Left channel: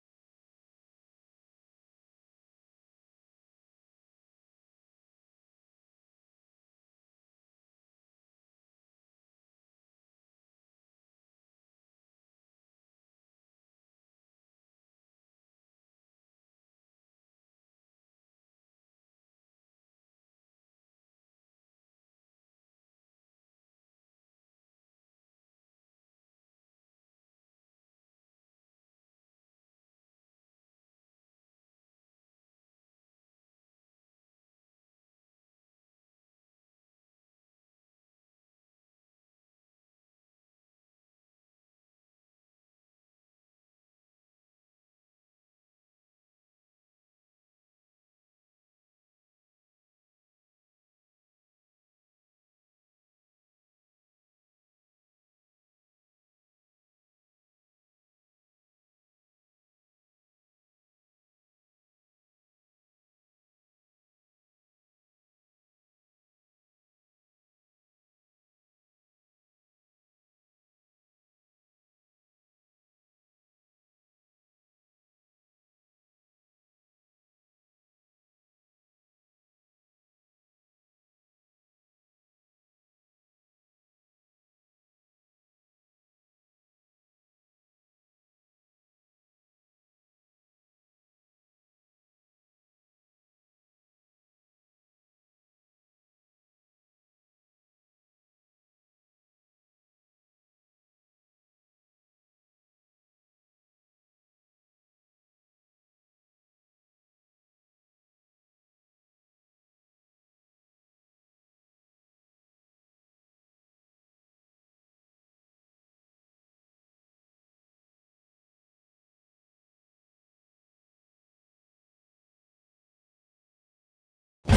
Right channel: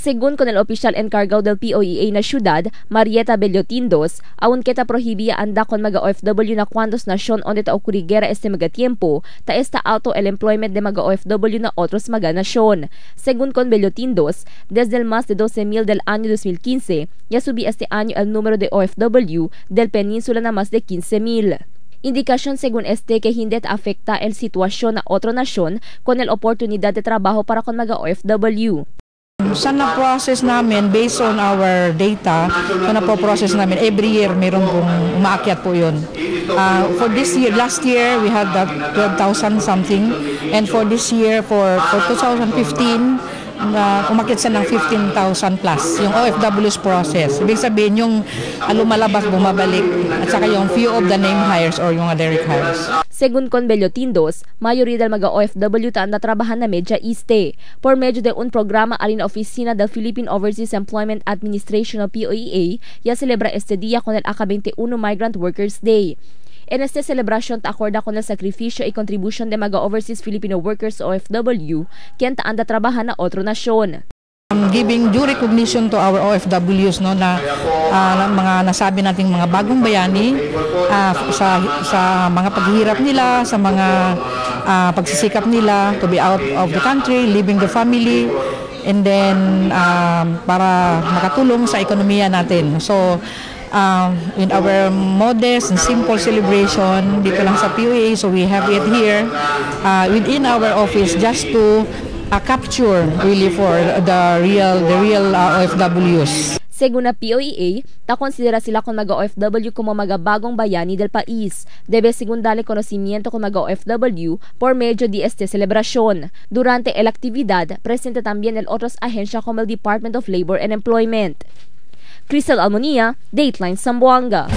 Según con el oficial encargado del POEA na syudad, Marieta Bellotindos, aun kita prohibía anda con mga OFW na cuantos nasyon onde ta ocurriguera este mga tiempo, ta esta alto el employment de mga OFW na otros mga nasyon. Según con Bellotindos, desde el más de 12,000 del año 2015, ya subí este año el número de OFW del península na más de 15,000. Indikasyon según este que hindi afecta el sitwasyon na otro nasyon con el oportunidad de trabajo para con mga OFW. Sa na-process namin, based on our data, sa na-process namin, every year meron pong umaakyat po yun. For this year, last year, we had that 12,000 something. And for this year, for 2015, umakyat siya ng 15,000 plus, yung OFW's process. Ibig sabihin, yung lumalabas, bumabalik, at saka yung few of the name hires or yung direct hires. Según con Bellotindos, mayoría del mga OFW taan na trabahan na Media East. Por medio de un programa alin na oficina del Philippine Overseas Employment Administration o POEA, ya celebra este día con el AKA-21 Migrant Workers Day. En esta celebración ta acorda con el sacrificio y contribution de mga overseas Filipino workers o OFW, quien taan na trabahan na otro nasyon. Giving due recognition to our OFWs, no, na mga nasabi nating mga bagong bayani sa mga paghihirap nila, sa mga pagsisikap nila to be out of the country, leaving the family, and then para makatulong sa ekonomiya natin. So in our modest and simple celebration dito lang sa POEA, so we have it here within our office just to capture really for the real OFWs. Según na POEA, ta konsidera sila con mga OFW como mga bagong bayani del país. Debe según darle conocimiento con mga OFW por medio de esta celebración. Durante la actividad, presente también el otros agencia como el Department of Labor and Employment. Cristal Almonía, Dateline Zamboanga.